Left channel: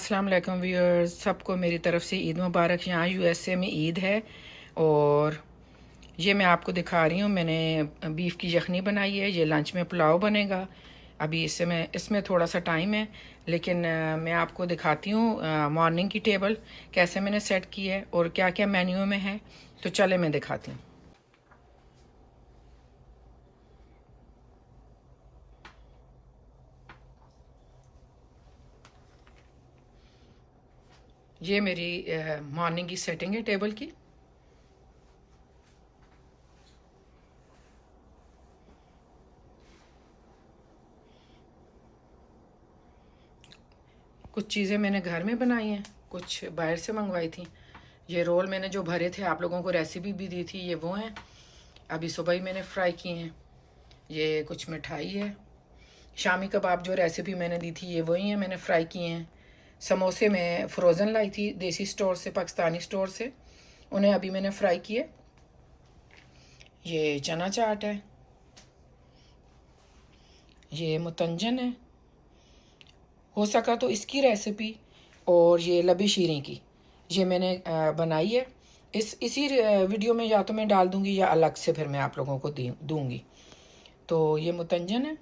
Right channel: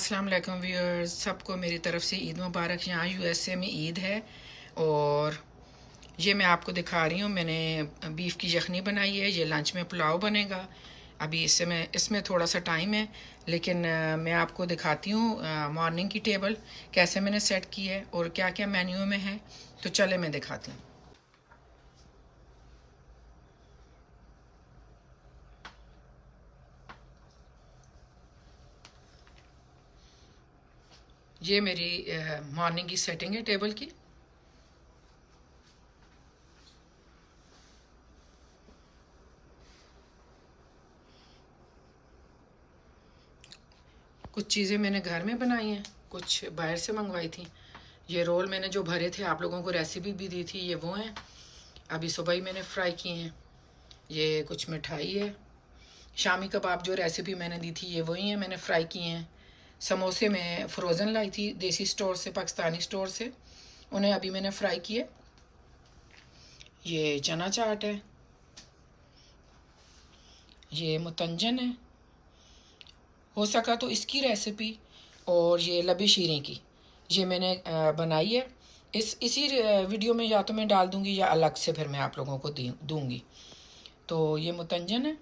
अस्सलाम वालेकुम व्यूअर्स, सबको मेरी तरफ से ईद मुबारक। यहाँ यूएसए में ईद है और ये मैं आपको दिखा रही हूँ। मैंने बीफ की यखनी बनाई है। ये लंच में पुलाव बनेगा। अभी इसमें थोड़ा सा टाइम है, लेकिन मैं आपको दिखाती हूँ मॉर्निंग की टेबल कैसे मैंने सेट की है और क्या क्या मेन्यू में है। तो चले मैं दिखाती हूँ। ये मेरी मॉर्निंग की सेटिंग है टेबल की। कुछ चीज़ें मैंने घर में बनाई हैं, कुछ बाहर से मंगवाई थी। ये रोल मैंने जो भरे थे आप लोगों को रेसिपी भी दी थी, ये वो हैं। अभी सुबह ही मैंने फ्राई किए हैं। ये कुछ मिठाई है। शामी कबाब जो रेसिपी मैंने दी थी, ये वही हैं, मैंने फ्राई किए हैं। समोसे मैं फ्रोज़न लाई थी देसी स्टोर से, पाकिस्तानी स्टोर से, उन्हें अभी मैंने फ्राई किए। ये चना चाट है। ये मुतंजन है। हो सका तो इसकी रेसिपी और ये लबी शीरें की ये मैंने बनाई है। इसी वीडियो में या तो मैं डाल दूंगी या अलग से फिर मैं आप लोगों को दूंगी। तो ये मुतंजन है।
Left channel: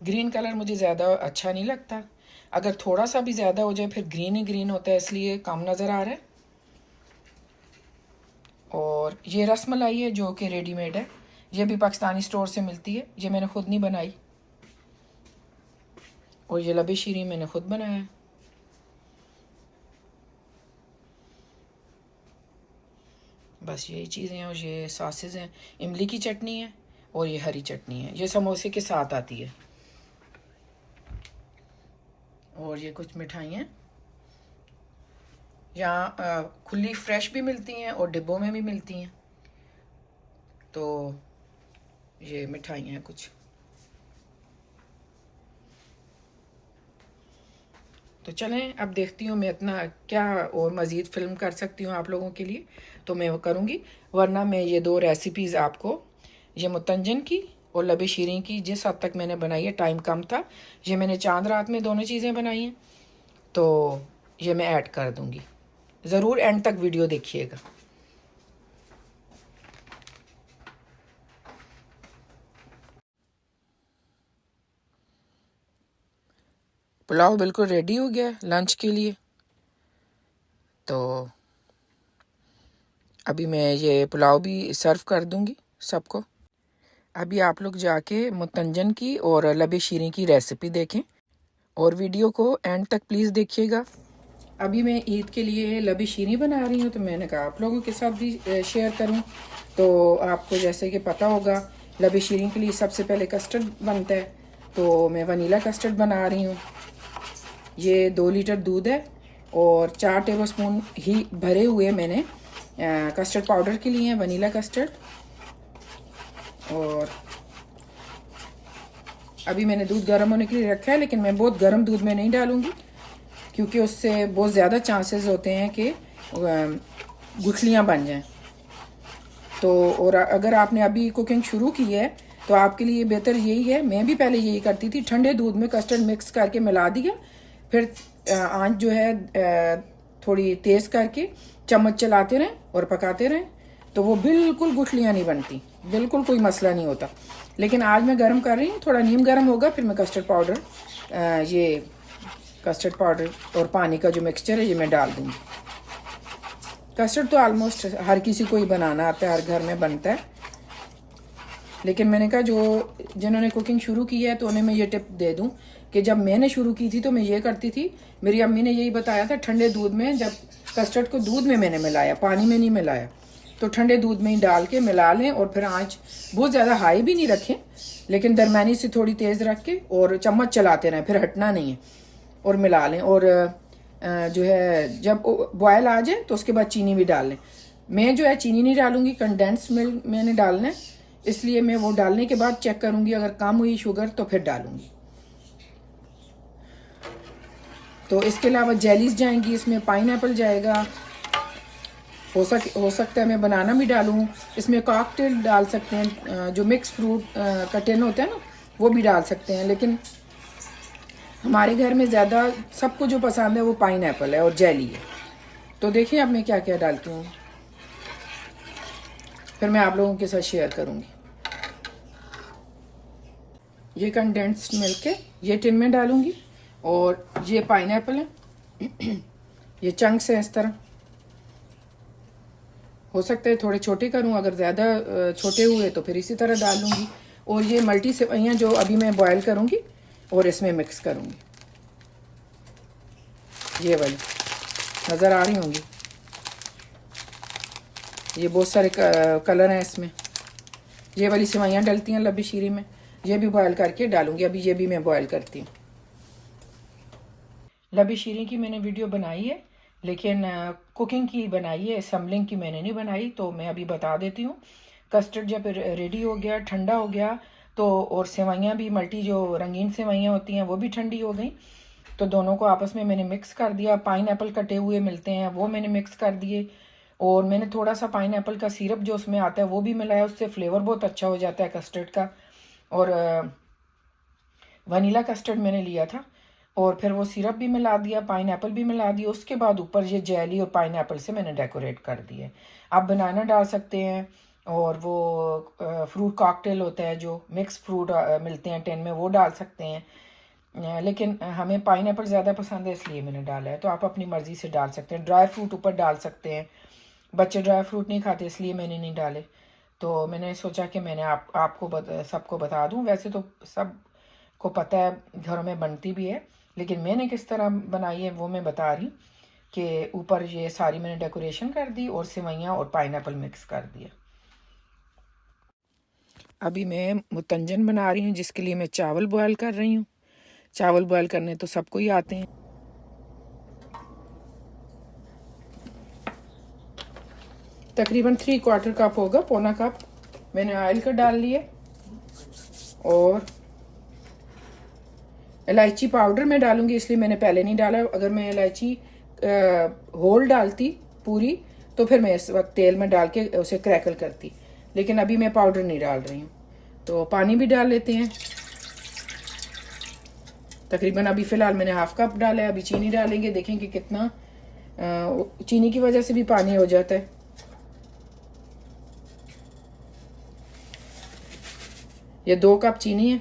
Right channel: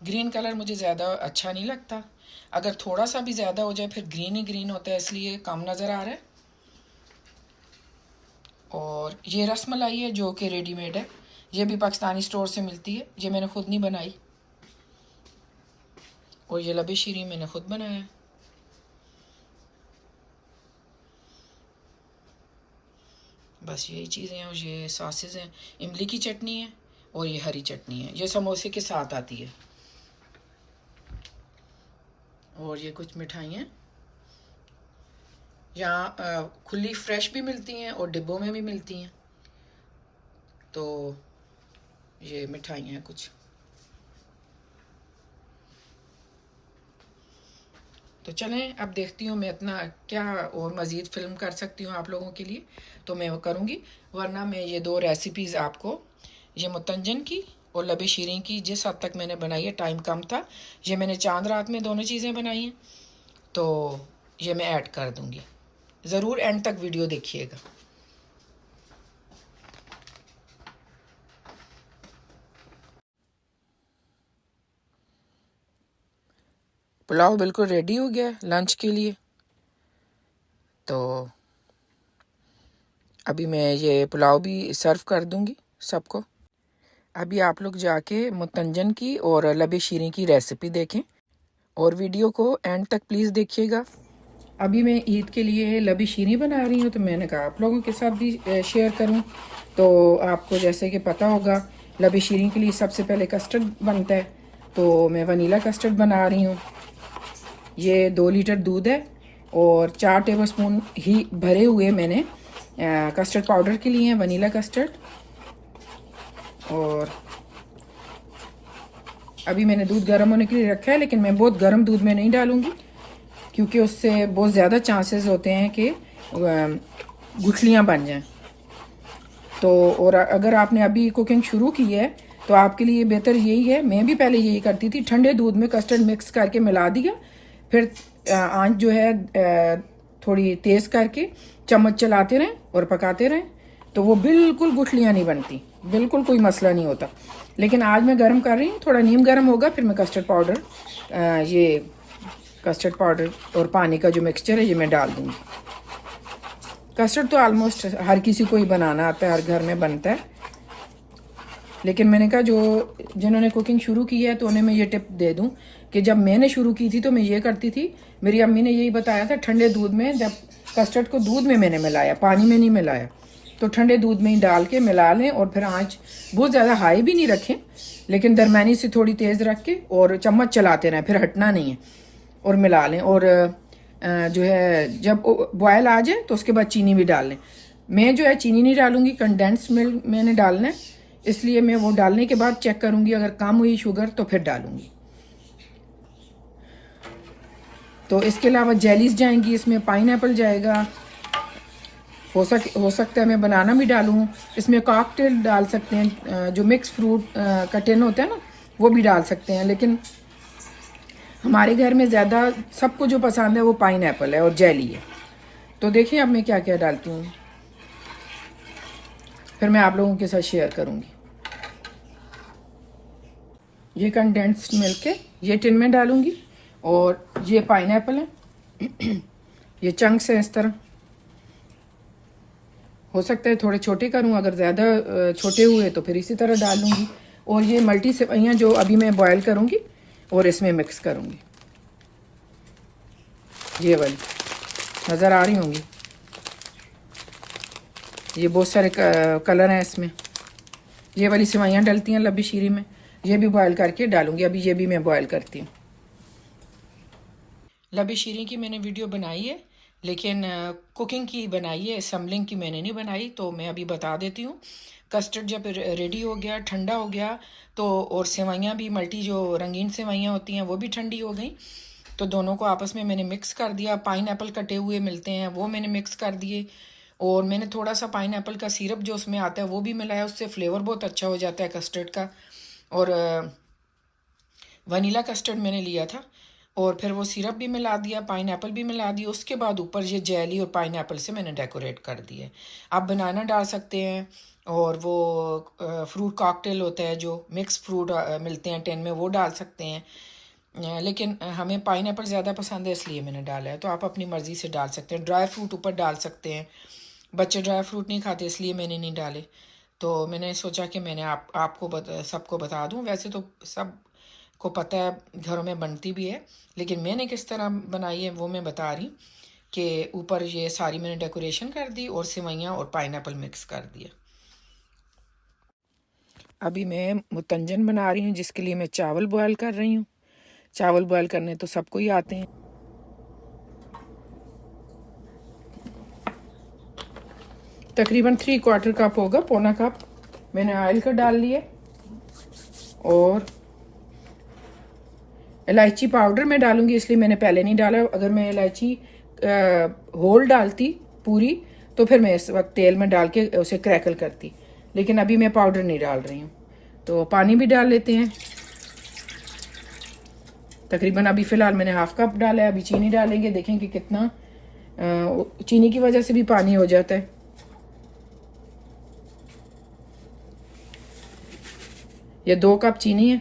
ग्रीन कलर मुझे ज़्यादा अच्छा नहीं लगता, अगर थोड़ा सा भी ज़्यादा हो जाए फिर ग्रीन ही ग्रीन होता है, इसलिए कम नज़र आ रहा है। और ये रसमलाई है जो कि रेडीमेड है। ये भी पाकिस्तानी स्टोर से मिलती है, ये मैंने ख़ुद नहीं बनाई। और ये लबी शीरी मैंने ख़ुद बनाया है। बस यही चीज़ें हैं। और ये सॉसेज हैं। इमली की चटनी है और ये हरी चटनी है। ये समोसे के साथ आती है। और ये कुछ मिठाइयाँ यहाँ खुली फ्रेश भी मिलती हैं और डिब्बों में भी मिलती हैं। तो ये मिठाइयाँ हैं कुछ। तो चलें अब देखती हूँ मैं इतना क्या और मज़ीद फ़िल्म कर सकती हूँ आप लोगों के लिए, तो मैं वो करूँगी। वरना मैं ये दो रेसिपीज़ आपको, ये मुतंजन की और लबी शीरीं की, जिस हद तक मैंने बनाई है, टाइम कम था, ये मैंने चांद रात में दोनों चीज़ें बनाई हैं, तो ये मैं ऐड कर दूँगी। ज़रूर एंड तक वीडियो देखिएगा। पुलाव बिल्कुल रेडी हो गया है लंच के लिए। तो अभी मैं ये पुलाव भी सर्व कर दूँगी सबको। अभी आप लोग जाके मुतंजन की और लबी शीरीं की रेसिपी देखें और वीडियो को एंड तक प्लीज़ देखिएगा। अभी मैं ईद के लिए लबी शीरीं बना रही हूँ, तो मैंने कहा आप लोगों के साथ भी शेयर करूँ। तो आपको जैसे कि पता होगा, लबी शीरीं के लिए सबसे पहले कस्टर्ड बनता है, तो मैं वनीला कस्टर्ड बना रही हूँ। ये 2 लीटर दूध है और 4 टेबलस्पून ही भरे हुए मैंने कस्टर्ड पाउडर के लिए वनीला कस्टर्ड। और अभी मैंने दूध गर्म होने के लिए रखा है, लेकिन मैं बहुत गर्म दूध में नहीं डालूंगी, क्योंकि उससे बहुत ज़्यादा चांसेस होते हैं कि गुठलियाँ बन जाएं। तो और अगर आपने अभी कुकिंग शुरू की है तो आपके लिए बेहतर यही है, मैं भी पहले यही करती थी, ठंडे दूध में कस्टर्ड मिक्स करके मिला दिया, फिर आंच जो है थोड़ी तेज़ करके चम्मच चलाते रहें और पकाते रहें, तो वो बिल्कुल गुठलियाँ नहीं बनती, बिल्कुल कोई मसला नहीं होता। लेकिन आज मैं गर्म कर रही हूँ, थोड़ा नीम गर्म होगा, फिर मैं कस्टर्ड पाउडर, ये कस्टर्ड पाउडर और पानी का जो मिक्सचर है ये मैं डाल दूँगी। कस्टर्ड तो ऑलमोस्ट हर किसी को ही बनाना आता है, हर घर में बनता है। लेकिन मैंने कहा जो जिन्होंने कुकिंग शुरू की है तो उन्हें मैं ये टिप दे दूं कि जब मैंने शुरू की थी तो मैं ये करती थी, मेरी अम्मी ने यही बताया था, ठंडे दूध में, जब कस्टर्ड को दूध में मैंने मिलाया, पानी में नहीं मिलाया, तो ठंडे दूध में ही डाल के मिला लें और फिर आँच बहुत ज़्यादा हाई भी नहीं रखें, लेकिन दरमियानी से थोड़ी तेज़ रख के और चम्मच चलाते रहें, फिर हटना नहीं है, और मिला लें। और जो है जब बॉयल आ जाए तो उसके बाद चीनी भी डाल लें। मैं जो है चीनी नहीं डालूंगी, कंडेंस मिल्क मैंने डालना है, इसलिए मैं वो डालने के बाद चेक करूंगी, अगर कम हुई शुगर तो फिर डालूंगी। तो इसके अलावा जेलीज जाएंगी, इसमें पाइनएप्पल जाएगा, हो सकता है मैं बनाना भी डालूँ, इसमें कॉकटेल डाल सकते हैं, जो मिक्स फ्रूट का टिन होता है ना, वो भी डाल सकते हैं। हमारे घर में ज़्यादा सबको जो पसंद है वो पाइनएप्पल है और जेली है। तो देखिए अब मैं क्या क्या डालती हूँ, फिर मैं आप लोगों के साथ शेयर करूँगी। ये कंडेंस्ड मिल्क है, ये टिन में डालूंगी, और ये पाइनएप्पल है, ये चंक्स है इस तरह। हो सकता है थोड़े छोटे करूं, अगर ज़्यादा छोटे हुए तो फिर इसी तरह डाल दूंगी। और ये मल्टी सेवइयाँ जो अभी मैं बॉयल करूंगी और इसमें मिक्स करूंगी। ये वाली नज़र आ रही होंगी, ये बहुत सारे कलर हैं इसमें। ये वाली सेवइयाँ डलती हैं लब्बी शीरी में, ये भी बॉयल करके डालूंगी। अभी ये भी मैं बॉयल करती हूँ। लब्बी शीरी की मैंने वीडियो बनाई है, लेकिन कुकिंग की बनाई है, असम्बलिंग की मैंने नहीं बनाई। तो मैं अभी बता देती हूँ। कस्टर्ड जब रेडी हो गया, ठंडा हो गया, तो और सेवइयाँ भी मल्टी जो रंगीन सेवइयाँ होती हैं वो भी ठंडी हो गई। तो दोनों को आपस में मैंने मिक्स कर दिया। पाइनएप्पल कटे हुए मिलते हैं वो मैंने मिक्स कर दिए, और मैंने थोड़ा सा पाइनएप्पल का सिरप जो उसमें आता है वो भी मिलाया। उससे फ्लेवर बहुत अच्छा हो जाता है कस्टर्ड का। और वनीला कस्टर्ड मैंने लिया था, और फिर वो सिरप भी मिला दिया, पाइनएप्पल भी मिला दिया। उसके बाद ऊपर ये जेली और पाइनएप्पल से मैंने डेकोरेट कर दिए। आप बनाना डाल सकते हैं, और वो फ्रूट कॉकटेल होता है जो मिक्स फ्रूट मिलते हैं टिन में, वो डाल सकते हैं। लेकिन हमें पाइनएप्पल ज़्यादा पसंद है इसलिए मैंने डाला है। तो आप अपनी मर्ज़ी से डाल सकते हैं। ड्राई फ्रूट ऊपर डाल सकते हैं, बच्चे ड्राई फ्रूट नहीं खाते इसलिए मैंने नहीं डाले। तो मैंने सोचा कि मैंने आपको सबको बता दूं। वैसे तो सब को पता है, घरों में बनती भी है, लेकिन मैंने किस तरह बनाई है वो मैं बता रही। कि ऊपर ये सारी मैंने डेकोरेशन कर दी और सेवइयाँ और पाइनएप्पल मिक्स कर दिया। अभी मैं मुतंजन बना रही हूँ, जिसके लिए मैं चावल बॉयल कर रही हूँ। चावल बॉयल करने तो सबको ही आते हैं। तकरीबन 3/4 कप होगा, पौना कप मैंने ऑयल का डाल लिए। और इलायची पाउडर मैं डालूंगी, इसलिए मैंने पहले नहीं डाला। अगर मैं इलायची होल डालती पूरी तो फिर मैं इस वक्त तेल में डाल के उसे क्रैकल करती, लेकिन अभी मैं पाउडर नहीं डाल रही हूँ। तो पानी भी डाल लेते हैं। तकरीबन अभी फ़िलहाल मैंने हाफ कप डाला है। अभी चीनी डालेंगे, देखें कि कितना चीनी की वजह से भी पानी हो जाता है। ये 2 कप चीनी है,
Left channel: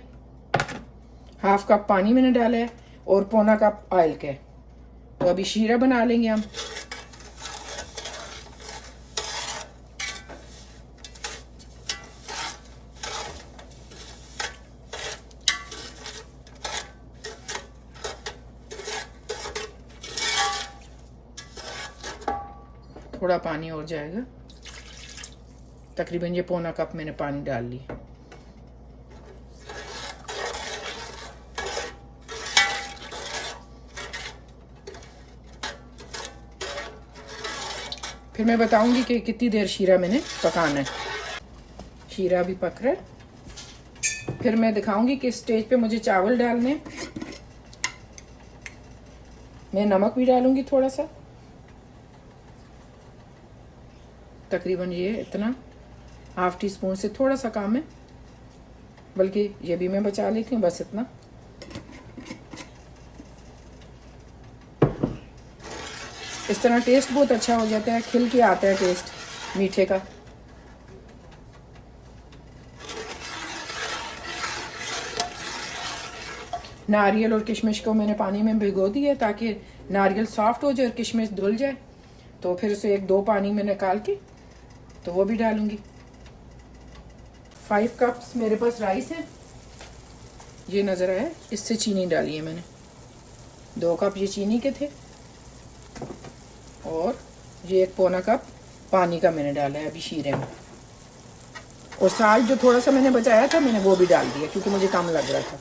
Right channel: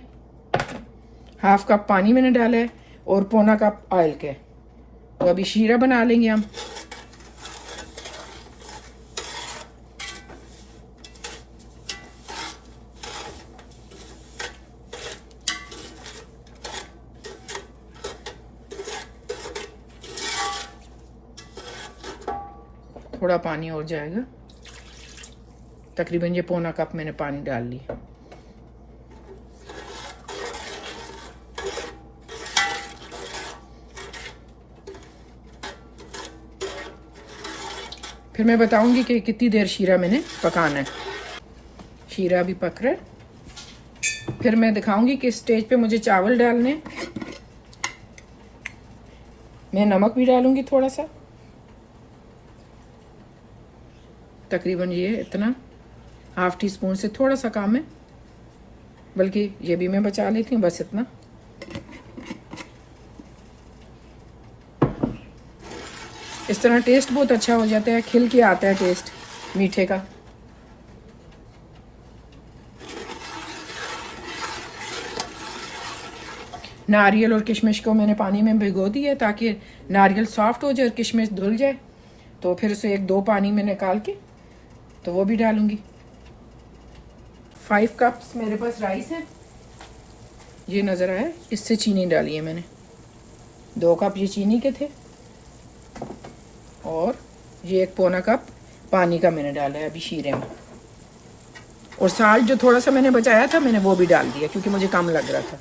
हाफ कप पानी मैंने डाला है, और पौना कप ऑयल के। तो अभी शीरा बना लेंगे हम। थोड़ा पानी और जाएगा, तकरीबन ये पौना कप मैंने पानी डाल लिया। फिर मैं बताऊंगी कि कितनी देर शीरा मैंने पकाना है। शीरा भी पक रहा है। फिर मैं दिखाऊंगी कि स्टेज पे मुझे चावल डालने। मैं नमक भी डालूंगी थोड़ा सा, तकरीबन ये इतना, हाफ टी स्पून से थोड़ा सा कम है, बल्कि ये भी मैं बचा लेती हूँ, बस इतना। इस तरह टेस्ट बहुत अच्छा हो जाता है, खिल के आता है टेस्ट मीठे का। नारियल और किशमिश को मैंने पानी में भिगो दिया ताकि नारियल सॉफ्ट हो जाए और किशमिश धुल जाए। तो फिर उसे 1-2 पानी में निकाल के तो वो भी डालूंगी। 5 कप्स मेरे पास राइस है, ये नज़र आया, इससे चीनी डाली है मैंने। 2 कप ये चीनी के थे, और ये 1 पौना कप पानी का मैंने डाला है अभी शीरे में। और साल्ट जो थोड़ा सा मैंने बचाया था मैंने वो भी डाल दिया, क्योंकि मुझे कम लग रहा था।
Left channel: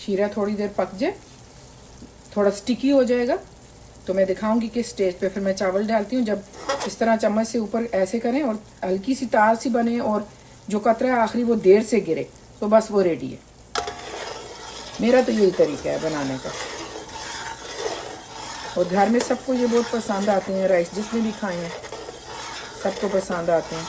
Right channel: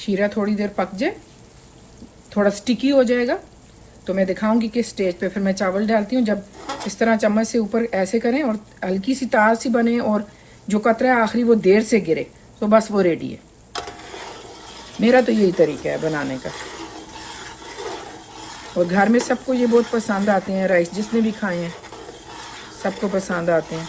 शीरा थोड़ी देर पक जाए, थोड़ा स्टिकी हो जाएगा, तो मैं दिखाऊंगी कि स्टेज पे फिर मैं चावल डालती हूँ। जब इस तरह चम्मच से ऊपर ऐसे करें और हल्की सी तार सी बने और जो कतरा है आखिरी वो देर से गिरे, तो बस वो रेडी है। मेरा तो यही तरीका है बनाने का। और घर में सबको ये बहुत पसंद आते हैं, राइस जिसने भी खाए हैं सबको पसंद आते हैं।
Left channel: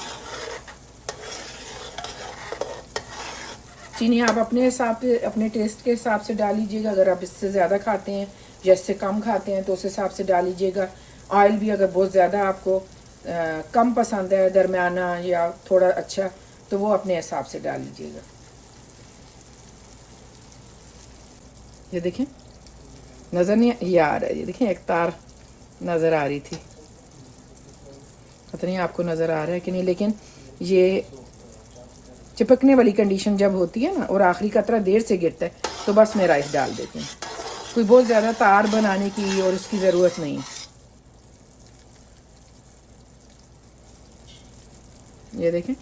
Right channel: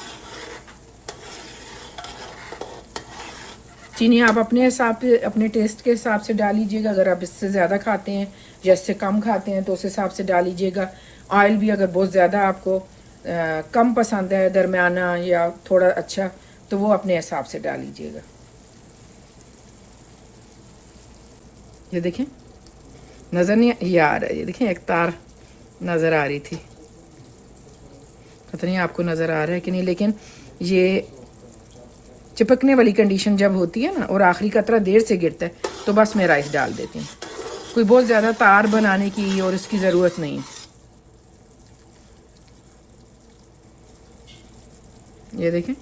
चीनी आप अपने हिसाब से, अपने टेस्ट के हिसाब से डाल लीजिएगा। अगर आप इससे ज़्यादा खाते हैं या इससे कम खाते हैं तो उस हिसाब से डाल लीजिएगा। ऑयल भी अगर बहुत ज़्यादा आपको कम पसंद है, दरमियाना या थोड़ा अच्छा, तो वो अपने हिसाब से डाल लीजिएगा। ये देखें, नज़र नहीं ये आ रहा है, ये देखें एक तार नज़र आ रही थी, पता नहीं आपको नज़र आ रहा है कि नहीं, लेकिन ये चिपकने वाली कंडीशन जब होती है ना और आखिरी कतरा देर से गिरता है तो बस मैं राइस डाल देती हूँ। कोई बहुत ज़्यादा तार बनाने की और इसकी ज़रूरत नहीं है। ये देखें,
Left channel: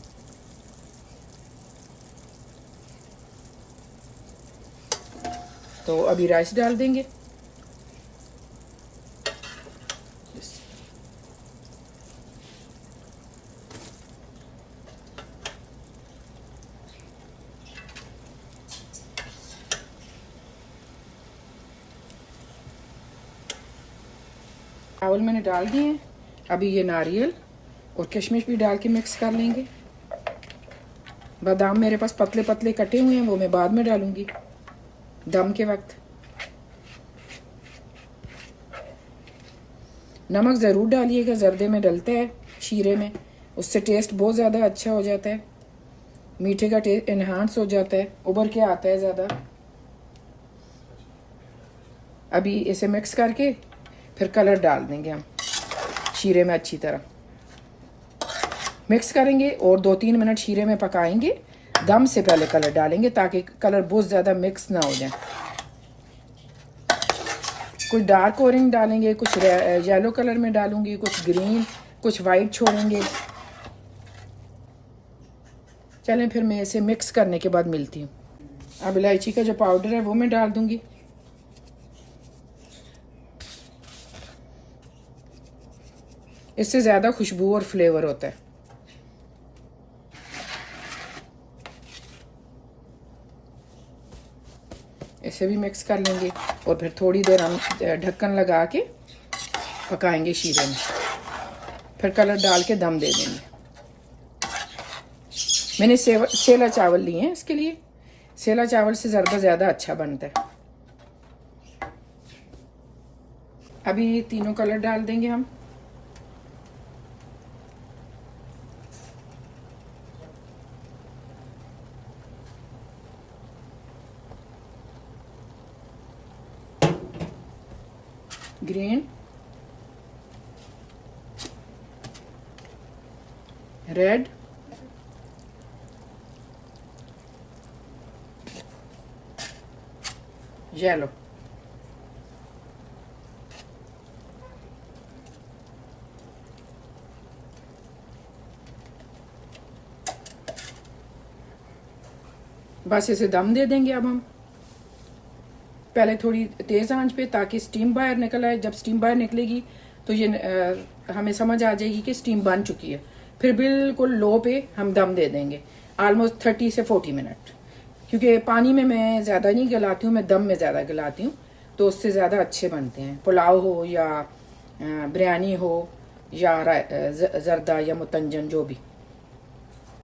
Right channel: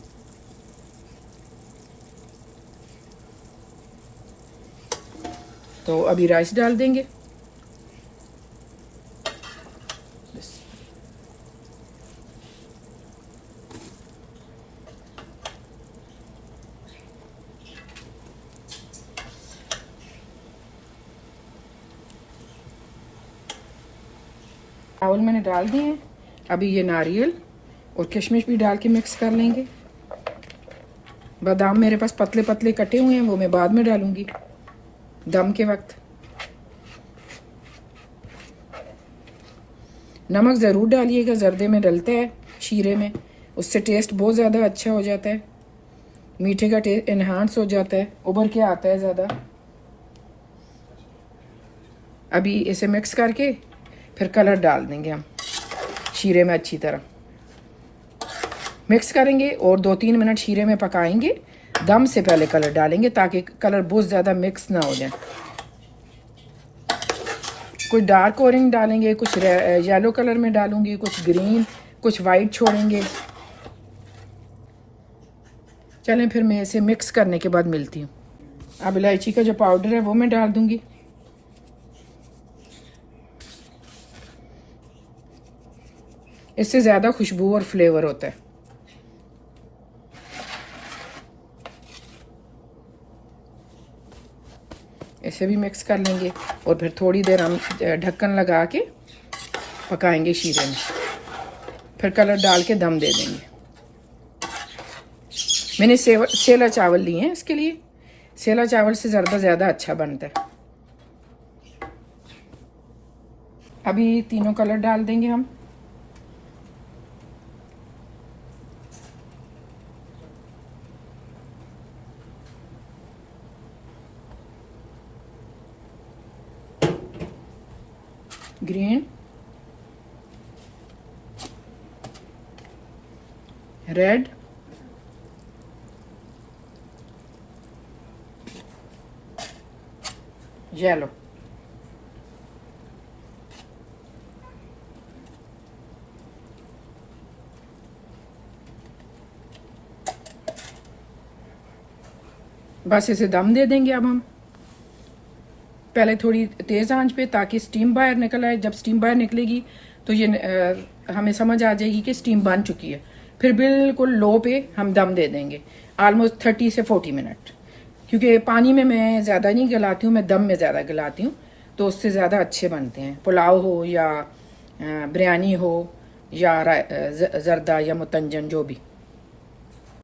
तो अभी राइस डाल देंगे। चावल मैंने डाल दिए। अभी ये नारियल और किशमिश भी डाल के मिक्स कर लेंगे। बादाम मेरे पास पतले पतले कटे हुए हैं, वो मैं बाद में डालूंगी दम के वक्त। नमक ज़रूर डालिएगा, जर्दे में डलता है, शीरे में, उससे टेस्ट बहुत ज़्यादा अच्छा हो जाता है, मीठे का टेस्ट इन्हांस हो जाता है, उभर के आता है ज़्यादा। अभी इसे मिक्स करके फिर कलर डाल देंगे हम शीरे में। अच्छी तरह मिक्स करेंगे और 2-3 मिनट शीरे में पकाएंगे। दम से पहले कलर डालेंगे ताकि कलर बहुत ज़्यादा मिक्स ना हो जाए। कुछ डार्क ऑरेंज डालेंगे, कुछ येलो कलर में डालूंगी, कुछ ग्रीन, कुछ वाइट छोड़ेंगे। चलें फिर मैं इसे मिक्स करने के बाद मिलती हूँ। अब इलायची का जो पाउडर है वो मैं डाल दूंगी। इससे ज़्यादा खुशबू और फ्लेवर होता है। इसे भी मिक्स कर लेंगे और फिर थोड़ी देर हम ढक्कन लगा के पकाएंगे शीरे में। फिर कलर डाल के दम दे देंगे। मैंने सेला चावल लिए हैं इसके लिए। सेला चावल से ज़रदा ज़्यादा अच्छा बनता है। अभी तीनों कलर डाल देंगे हम। Green, red, yellow. बस इसे दम दे देंगे अब हम। पहले थोड़ी तेज़ आंच पे ताकि स्टीम बाहर निकल आए। जब स्टीम बाहर निकलेगी तो ये हमें समझ आ जाएगी कि स्टीम बन चुकी है। फिर बिल्कुल लो पे हम दम दे देंगे ऑलमोस्ट 30 से 40 मिनट। क्योंकि पानी में मैं ज़्यादा नहीं गलाती हूँ, मैं दम में ज़्यादा गलाती हूँ, तो उससे ज़्यादा अच्छे बनते हैं। पुलाव हो या बिरयानी हो या जर्दा या मुतंजन, जो भी।